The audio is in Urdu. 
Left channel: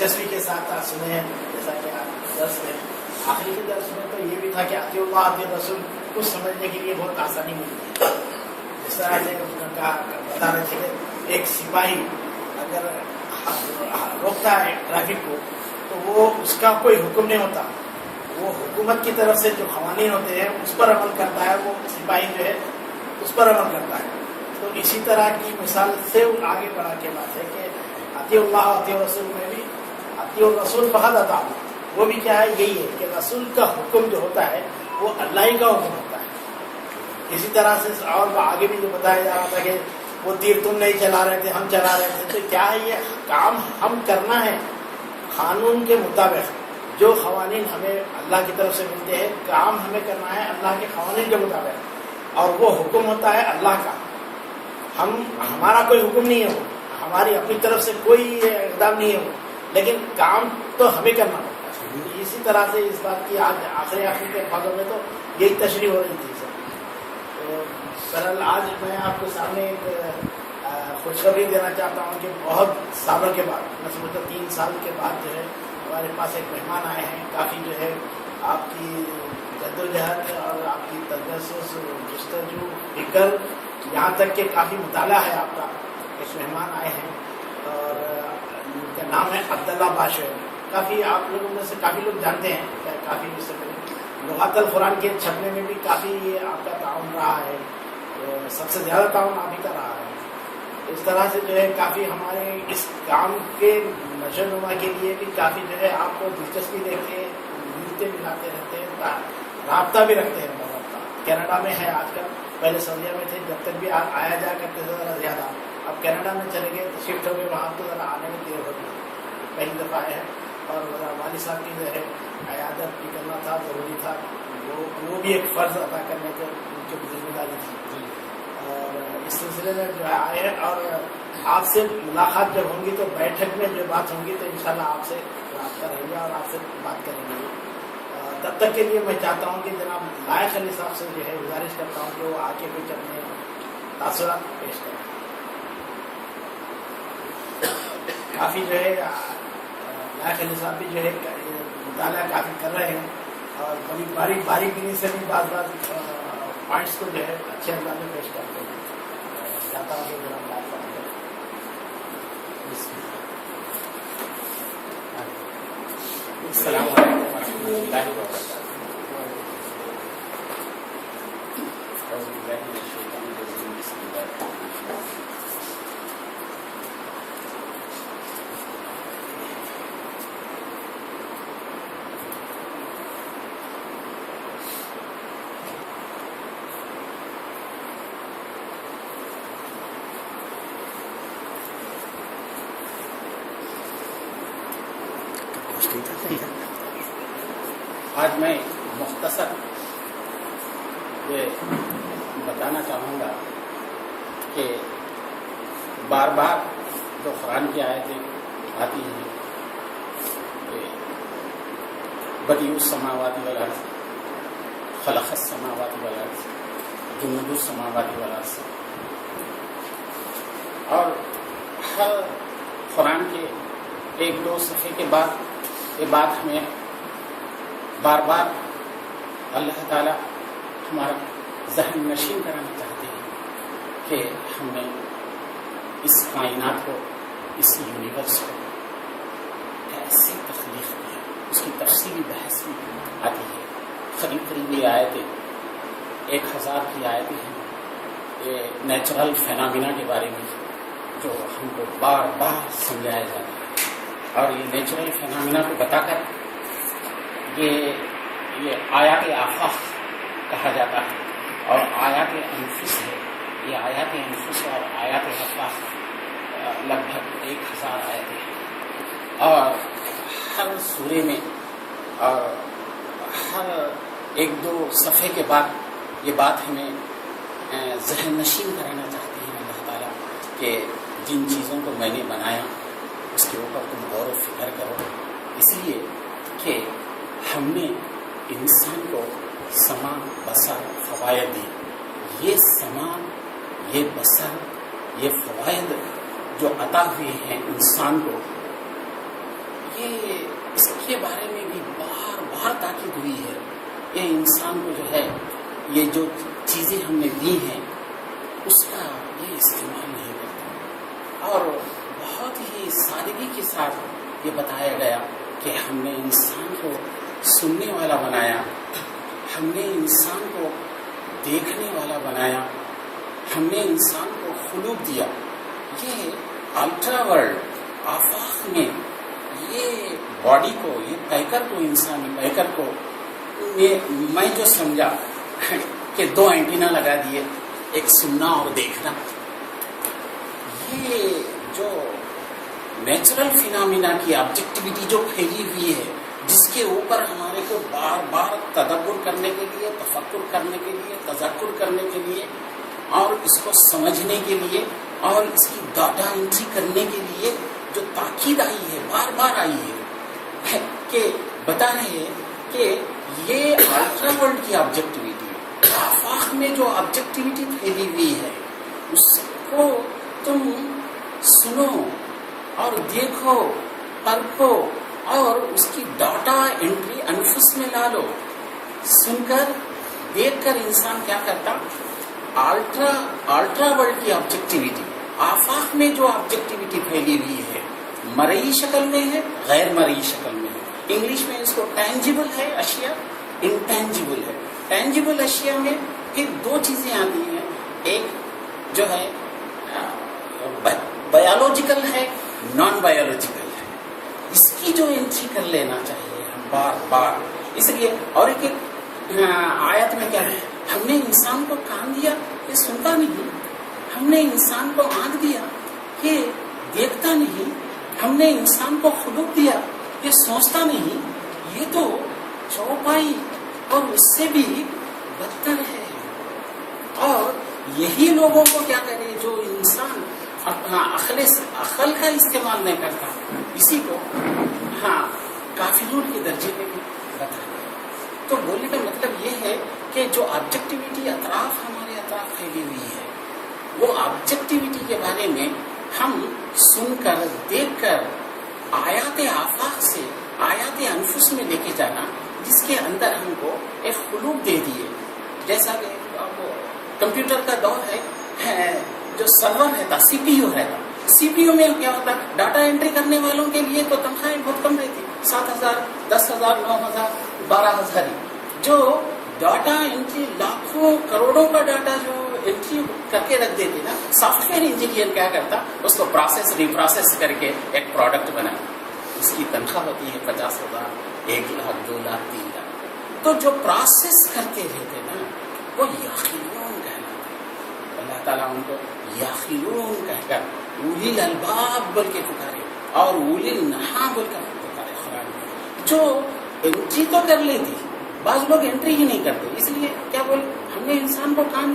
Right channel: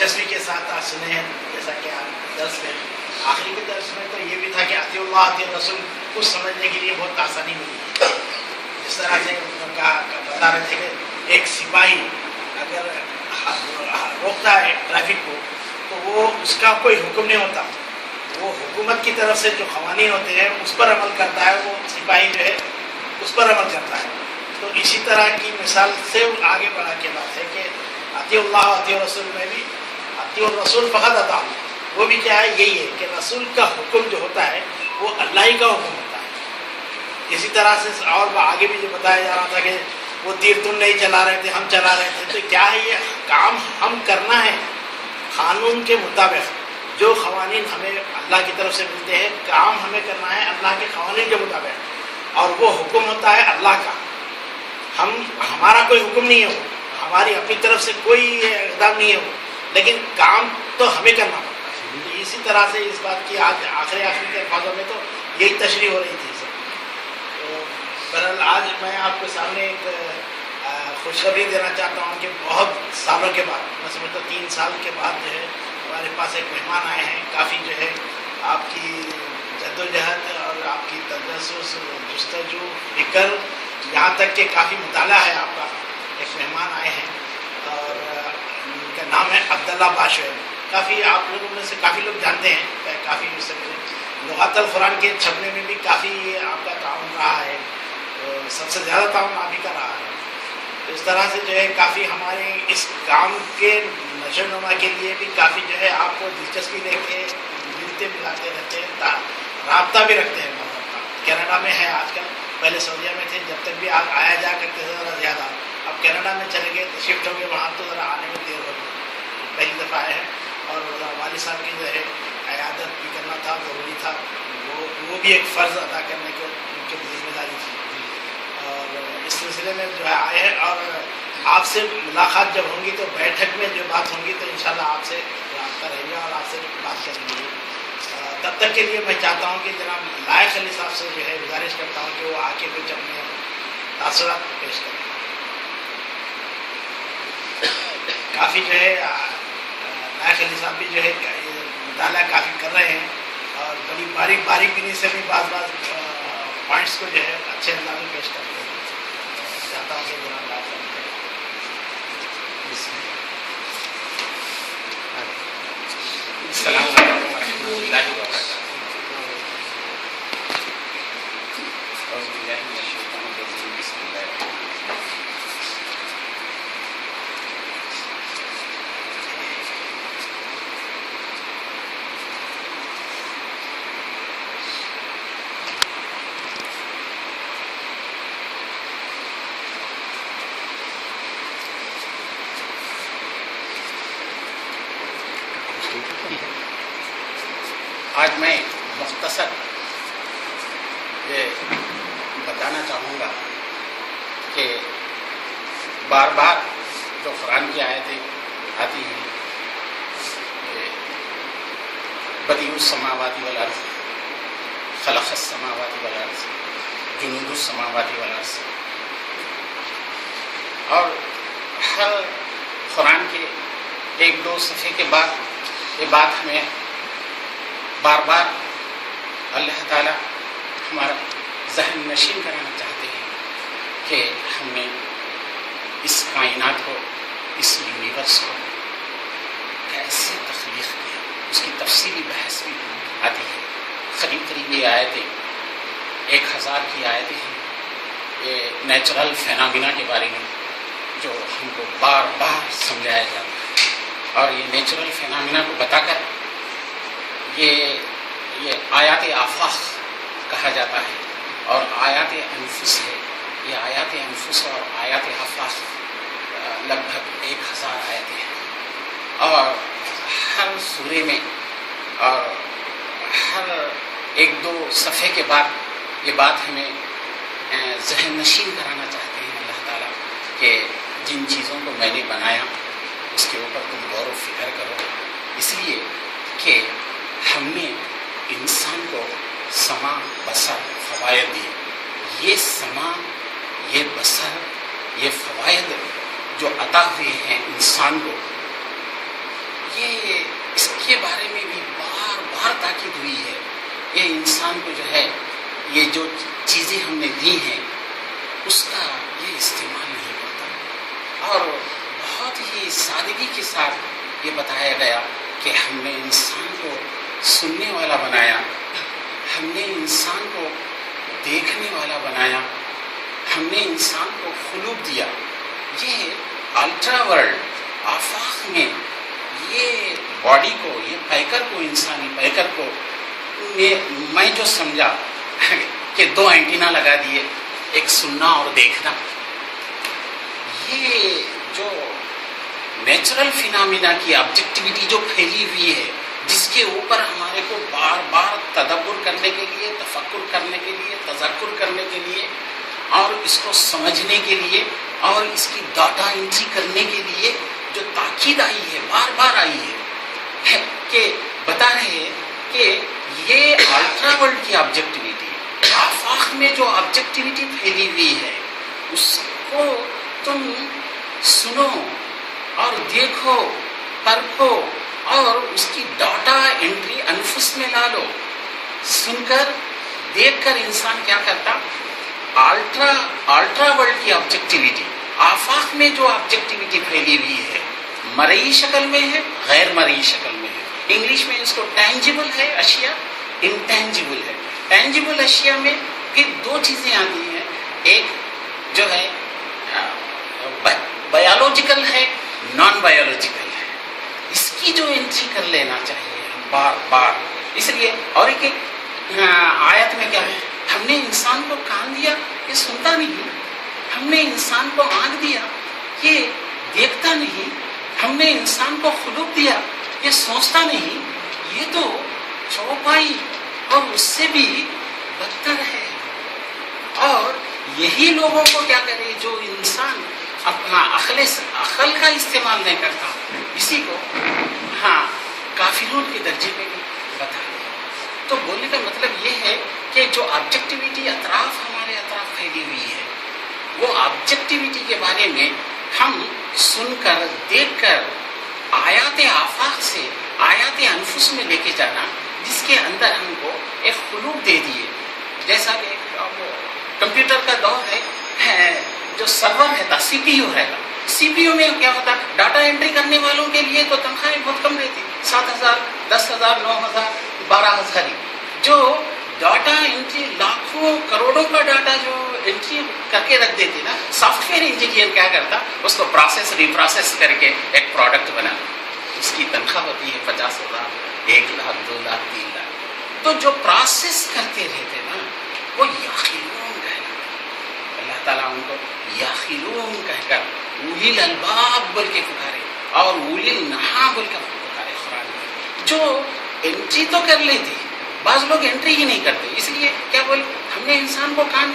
دلچسپی کے ساتھ سنے، جیسا کہ آپ درس میں آخری کے درس میں تو یہ بھی تھا کہ اطیع اللہ اطیع رسول کچھ سمجھنے کے لیے بہت آسانی ملی ہے. جس طرح سے بتا رہے تھے کہ ایک سپاہی اگر روکتا ہے ٹریفک کو تو وہ اس کا کوئی حکم نہیں ہوتا، وہ حکومت کی طرف سے جو قوانین ہوتے ہیں اس پر عمل کرتا ہے، وہ سپاہی جو ہے اس پر عمل کرتا ہے. تو اسی طرح کی مثال سے آگے بڑھا کے بات ہے کہ اطیع اللہ اطیع رسول میں بھی اطیع الرسول فقط اطاع، وہ بھی کیا ہے، یہی ہے کہ رسول کا حکم جو ہوتا ہے وہ اللہ ہی کا حکم ہوتا ہے. اسی طرح سے اور آگے بھی یہ بتایا جا رہا تھا کہ وہ تیر تم نہیں چلا رہے تھے، ہم چلا رہے تھے. تو کیا ہے، یہ کام ہم کرنا ہے قانون کے مطابق، جو قوانین ہمیں اللہ کی طرف سے ملتے ہیں کام ہمیں کرنا ہے اللہ کے قوانین کے مطابق، اور وہ حکم ہوتا ہے اللہ کا. ہمارا کوئی حکم نہیں ہے، وہ ہماری اپنی طرف سے کوئی اقدام نہیں ہے وہ، لیکن کام تو ہمیں کرنا پڑتا ہے. اسی طرح سے اس بات کی آج آخری کے الفاظوں میں تو یہی تشریح ہو رہی تھی. تو بہرحال آج میں آپ کے سامنے ایک خوشخبری دینا چاہتا ہوں کہ بہت سالوں کے بعد، میں سمجھتا 3 سال کے بعد جو ہے ہمارے پاس ایک مہمان آئے ہیں. کافی جو ہے آپ کی جدوجہد اور آپ کی تجسس جستجو فکر، یہاں تک کہ کافی مطالعہ ہے آپ کا. ایک مہمان آئے ہیں اور ان کا نام ہے عبداللہ باشوی. کافی آپ لوگوں میں سے کافی لوگ جانتے ہیں، کافی اس سے لغات القرآن کے چھپنے میں بھی کافی آپ کا تعاون رہا ہے. سب سے زیادہ تعاون آپ ہی کا رہا ہے. اس طرح سے جو ہے کافی ہمارے اس کام کے نشو و نما کے لیے بھی کافی جو ہے آپ کو دلچسپی لے کے ملتے ملاتے رہتے ہیں، رابطہ بھی رکھتے ہیں. کینیڈا میں ہے آج کل، پہلے سعودیہ میں تھے، جب تک بھی آپ آیا جا کرتے تھے ذرا زیادہ. اب کینیڈا میں چلے گئے، شفٹ ہو گئے وہاں، تو ذرا آنے میں دیر ہو گئی. پہلی دفعہ آئے ہیں اور والد صاحب کی جو ہے عیادت بھی کرنا تھا، ضروری تھا، وہ بھی ایک فرض ادا کرنے کو جو ذمہ داری تھی. اور اس سلسلے میں جو ہے آئے ہیں اور آپ سے ملاقات جب ہوں گی تو بیٹھک میں جو بات ہوں گی تو انشاءاللہ آپ سے رابطہ رہے گا اور آپ سے بات کریں گے. تب تک کے لیے میں چاہتا ہوں کہ جناب لائق علی صاحب سے جو ہے گزارش کرتا ہوں کہ وہ آ کے کچھ اپنے تاثرات پیش کریں. کافی جو ہے لائق علی صاحب بھی جو ہے مطالعہ کافی کر رہے ہیں اور بڑی باریک بینی سے بھی بعض پوائنٹس کو جو ہے اچھے انداز میں پیش کرتے ہیں. چاہتا ہوں کہ جناب لائق صاحب السلام علیکم ورحمۃ اللہ وبرکاتہ. آج میں مختصر یہ بتانا چاہوں گا کہ بار بار جو قرآن کی آیتیں آتی ہیں کہ بدیع السماوات والارض، خلق السماوات والارض، جنود السماوات والارض، اور ہر قرآن کے 1-2 صفحے کے بعد یہ بات ہمیں بار بار اللہ تعالیٰ ہمارا ذہن نشین کرنا چاہتے ہیں کہ ہم نے اس کائنات کو، اس یونیورس کو کیسے تخلیق کیا. اس کی تفصیلی بحث بھی آتی ہے. قریب یہ آیتیں 1000 کی آیتیں ہیں یہ نیچرل فینامنا کے بارے میں جو ہم کو بار بار سمجھایا جاتا ہے. اور یہ نیچرل فینامنا کو بتا کر یہ آیات آفاق کہا جاتا ہے اور آیات انفس ہے. یہ آیات انفس اور آیات آفاق لگ بھگ 1000 آیتیں ہیں اور ہر سورے میں اور ہر 1-2 صفحے کے بعد یہ بات ہمیں ذہن نشین کرانا چاہتے ہیں اللہ تعالیٰ کہ جن چیزوں کو میں نے بنایا اس کے اوپر تم غور و فکر کرو. اس لیے کہ ہم نے انسان کو سماع بصر فوائد دیے. یہ سماع، یہ بصر، یہ فوائد جو عطا ہوئے ہیں انسان کو، یہ اس کے بارے میں بھی بار بار تاکید ہوئی ہے. یہ انسان کو جو ہے یہ جو چیزیں ہم نے دی ہیں اس کا یہ استعمال نہیں کرتا. اور بہت ہی سادگی کے ساتھ یہ بتایا گیا کہ ہم نے انسان کو سننے والا بنایا, ہم نے انسان کو دیکھنے والا بنایا, ہم نے انسان کو خلوق دیا. یہ الٹرا ورلڈ آفاق میں یہ باڈی کو, یہ پیکر کو, انسانی پیکر کو میں جو سمجھا کہ 2 اینٹینا لگا دیے, ایک سننا اور دیکھنا. یہ جو نیچرل فینامینا کی آبجیکٹیوٹی جو پھیلی ہوئی ہے, جس کے اوپر ہمارے کو بار بار تدبر کرنے کے لیے, تفکر کرنے کے لیے, تذکر کرنے کے لیے اور اس کو سمجھنے کے لیے اور اس کی ڈاٹا انٹری کرنے کے لیے جو تاکید آئی ہے, بار بار آئی ہے کہ بتا رہے ہیں کہ یہ الٹرا ورلڈ کی آبجیکٹیوٹی, آفاق میں جو آبجیکٹیوٹی پھیلی ہوئی ہے اس کو تم سنو اور دیکھو, پرکھو اور اس کی ڈاٹا انٹری انفس میں لا لو. سن کر دیکھ کر انسان کیا کرتا, الٹرا ورلڈ کی آبجیکٹیوٹی, آفاق میں جو آبجیکٹیوٹی پھیلی ہوئی ہے, مرئی شکل میں ہے, غیر مرئی شکل میں ہے. انگلش میں اس کو ٹینجیبل ہے اشیاء, انٹینجیبل ہے. ٹینجیبل اشیاء میں پھر 2 چیزیں آتی ہیں, ایک جو ہے بایولوجیکل ہے, نان بایولوجیکل ہے. اس کی جو انٹری کر لینا چاہیے بار بار. اس لیے اور ایک آیت میں کیا ہے, ہم نے انسان کو کان دیا یہ سنتا نہیں, ہم نے انسان کو آنکھ دیا یہ دیکھتا نہیں, ہم نے انسان کو خلق دیا یہ سوچتا نہیں. یہ تو چوپائی اور اس سے بھی بدتر ہے. اور یہی لوگوں کو کیا کرے جو انسان اپنا عقل کا استعمال نہیں کرتا, اسی کو کافرون کے درجے پہ بھی بتا دیا. تو بولنے کا مطلب یہ ہے کہ جو آبجیکٹیوٹی ہمارے اطراف پھیلی ہوئی ہے, وہ آبجیکٹیوٹی کے بارے میں ہم سن کر, دیکھ کر, آیات آفاق سے آیات انفس میں لے کے جانا, جس کے اندر ہم کو ایک خلوق دے دیے. جیسا کہ کمپیوٹر کا دور ہے, جو سرور رہتا سی پی یو رہتا, سی پی یو میں کیا ہوتا, ڈاٹا انٹری کرنے والوں کے لیے تو تنخواہیں بہت کم رہتی, 7,000, 10,000, 9,000, 12,000. جو ڈاٹا انٹری لاکھوں کروڑوں کا ڈاٹا جو انٹری کر کے رکھ دیتے نا, سافٹ ویئر انجینئر کیا کرتا, اس کو پروسیس ریپروسیس کر کے ایک پروڈکٹ بنا. اس کی تنخواہ ہوتی ہے 50,000, 1 لاکھ, 2 لاکھ, 3 لاکھ. تو جو پروسیس کرتے رہتے نا وہ یاخلون کہلاتے. اللہ تعالیٰ ان کو یاخلون کہہ کر اولی الالباب بول کے پکارے اور اولی النہا بول کے پکارے. قرآن میں جو انٹری تو کر لیتی, بعض لوگ انٹری ہی نہیں کرتے. اس لیے کیا بول, ہم نے انسان کو کان